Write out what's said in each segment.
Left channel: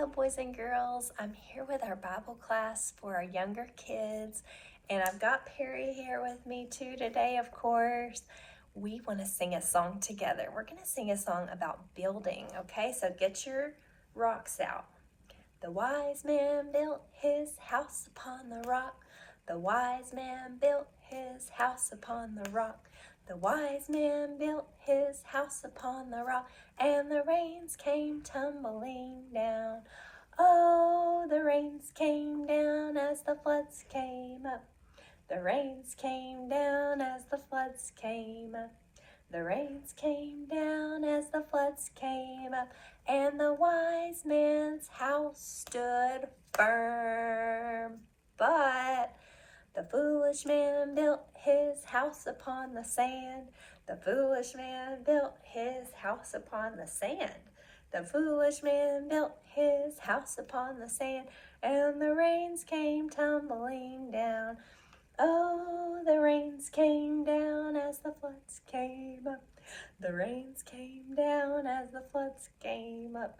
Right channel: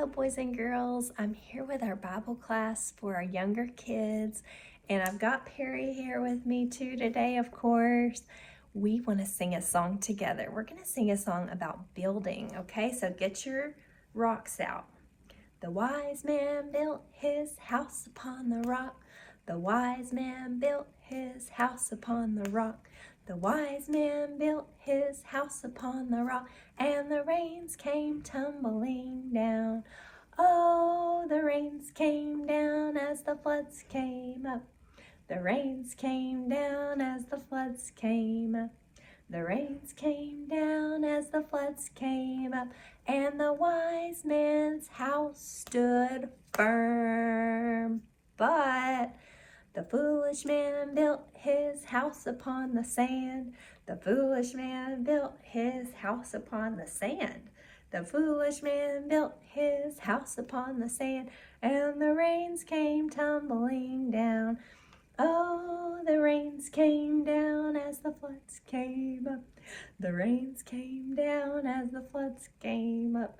Hello, boys and girls. I'm here with our Bible class for our younger kids, and I've got Perry here with me too today, of course. We want to sing a song together. We're going to sing a song about building, okay? So get your rocks out. The wise man built his house upon the rock. The wise man built his house upon the rock. The wise man built his house upon the rock, and the rains came tumbling down. Oh, the rains came down as the floods came up. The rains came down as the floods came up. The rains came down as the floods came up, and the wise man's house stood firm. But the foolish man built his house upon the sand. The foolish man built his house upon the sand. The foolish man built his house upon the sand, and the rains came tumbling down. Oh, the rains came down as the floods came up. The rains came down as the floods came up.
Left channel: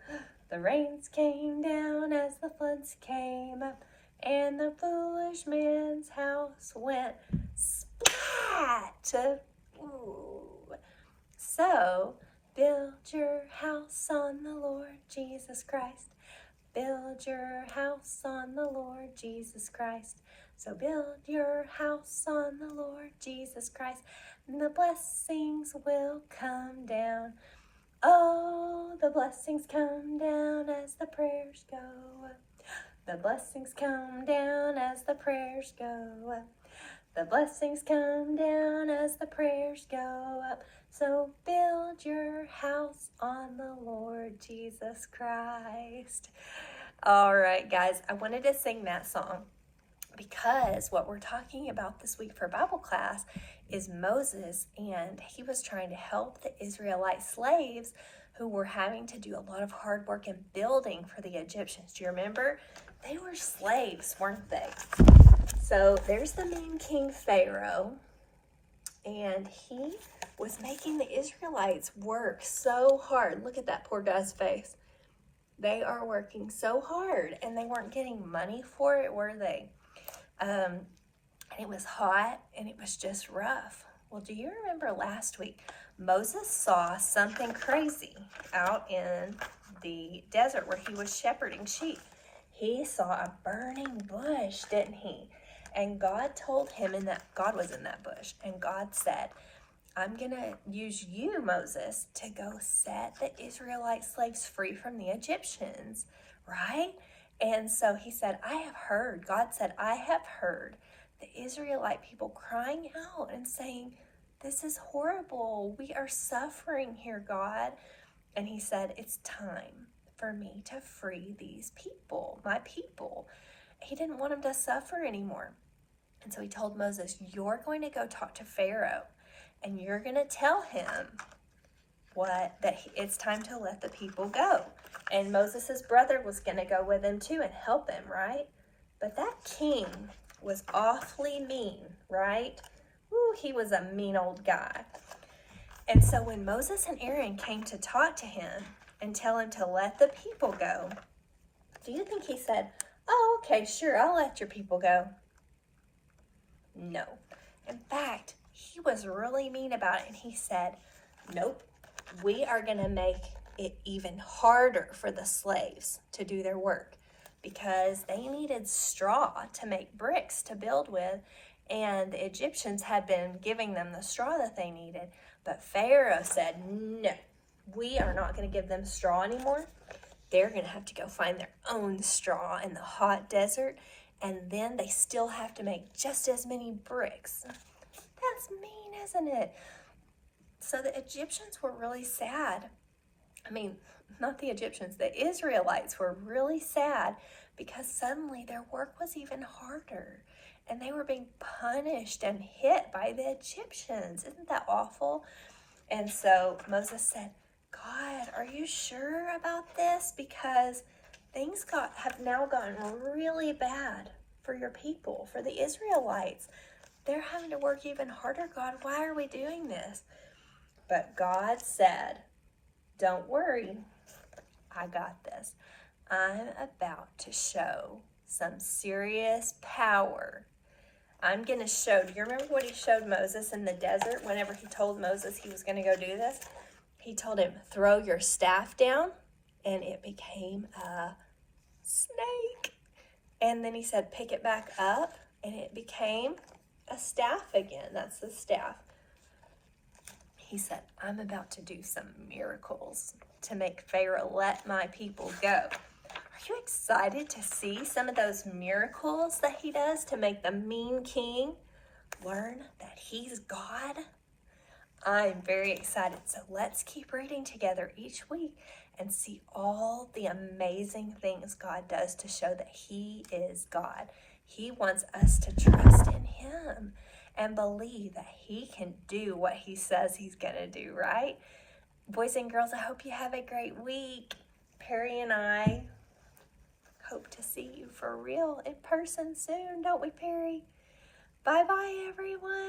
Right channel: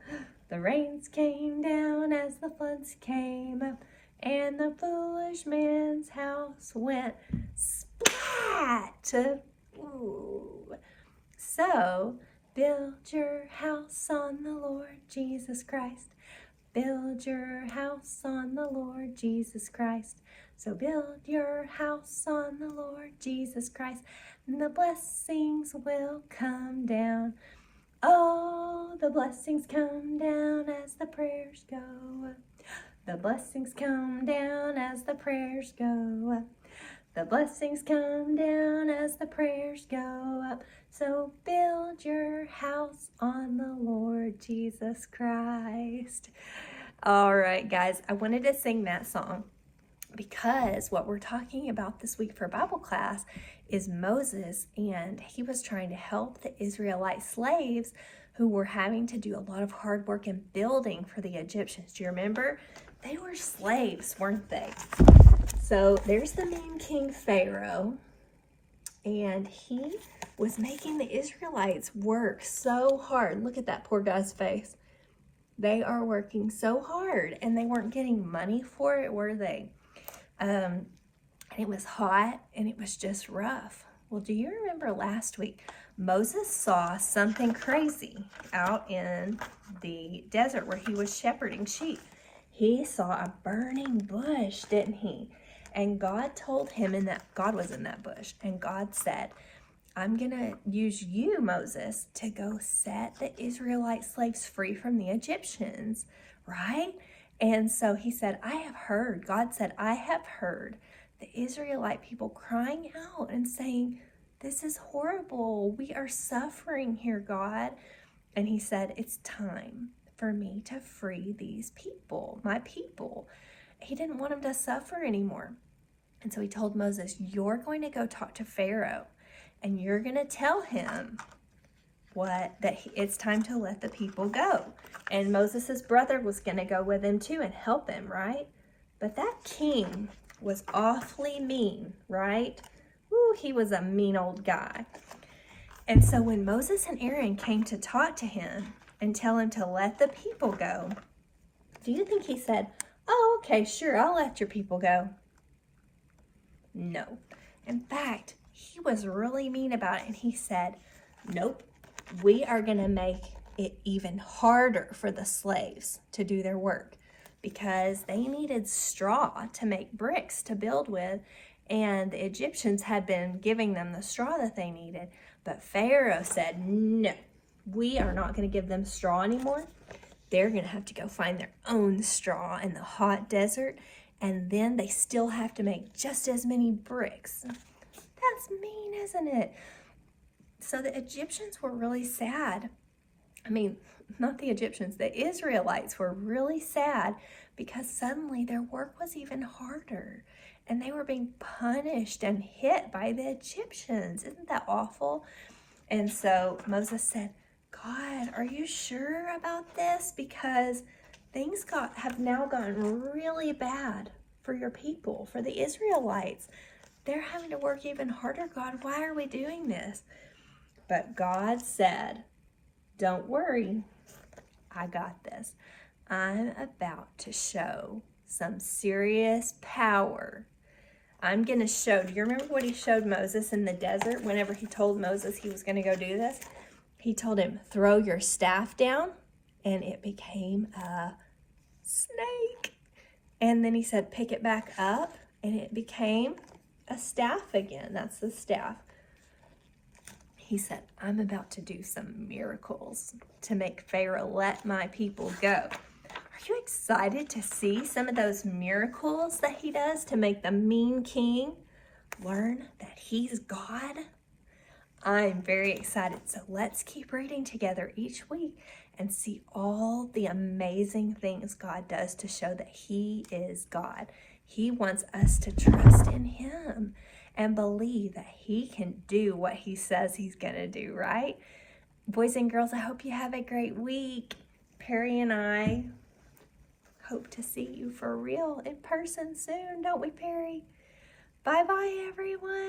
The rains came down as the floods came up, and the foolish man's house went splat. Ooh. So, build your house on the Lord Jesus Christ. Build your house on the Lord Jesus Christ. So build your house on the Lord Jesus Christ, and the blessings will come down. Oh, the blessings come down as the prayers go up. The blessings come down as the prayers go up. The blessings come down as the prayers go up. So build your house on the Lord Jesus Christ. All right, guys, I wanted to sing that song because what we're talking about this week for Bible class is Moses, and he was trying to help the Israelite slaves who were having to do a lot of hard work in building for the Egyptians. Do you remember? They were slaves, weren't they? So there's the mean King Pharaoh, and he was making the Israelites work so hard. Look at that poor guy's face. They are working so hard, and they weren't getting money for it, were they? It was hot, and it was just rough. Well, do you remember last week, Moses saw something crazy out in the desert where he was shepherding sheep. He saw a burning bush, didn't he? And God told him, God was in that bush, and God said, I'm going to use you, Moses, to go set the Israelite slaves free from the Egyptians, right? And so he said, God said, I have heard the Israelite people crying out and saying, this is horrible. We are suffering here, God. And he said, it's time for me to free these people, my people. He didn't want them to suffer anymore. And so he told Moses, you're going to go talk to Pharaoh, and you're going to tell him that it's time to let the people go. And Moses' brother was going to go with him too and help him, right? But that king was awfully mean, right? Ooh, he was a mean old guy. And so when Moses and Aaron came to talk to him and tell him to let the people go, do you think he said, oh, okay, sure, I'll let your people go? No. In fact, he was really mean about it, and he said, nope, we are going to make it even harder for the slaves to do their work because they needed straw to make bricks to build with, and the Egyptians had been giving them the straw that they needed. But Pharaoh said, no, we are not going to give them straw anymore. They're going to have to go find their own straw in the hot desert, and then they still have to make just as many bricks. That's mean, isn't it? So the Egyptians were really sad. I mean, not the Egyptians, the Israelites were really sad because suddenly their work was even harder, and they were being punished and hit by the Egyptians. Isn't that awful? And so Moses said, God, are you sure about this? Because things have now gotten really bad for your people, for the Israelites. They're having to work even harder, God. Why are we doing this? But God said, don't worry, I got this. I'm about to show some serious power. I'm going to show, do you remember what he showed Moses in the desert whenever he told Moses he was going to go do this? He told him, throw your staff down, and it became a snake. And then he said, pick it back up, and it became a staff again. That's the staff. He said, I'm about to do some miracles to make Pharaoh let my people go. Are you excited to see some of those miracles that he does to make the mean king learn that he's God? I'm very excited. So let's keep reading together each week and see all the amazing things God does to show that he is God. He wants us to trust in him and believe that he can do what he says he's going to do, right? Boys and girls, I hope you have a great week. Perry and I hope to see you for real in person soon, don't we, Perry? Bye-bye, everyone.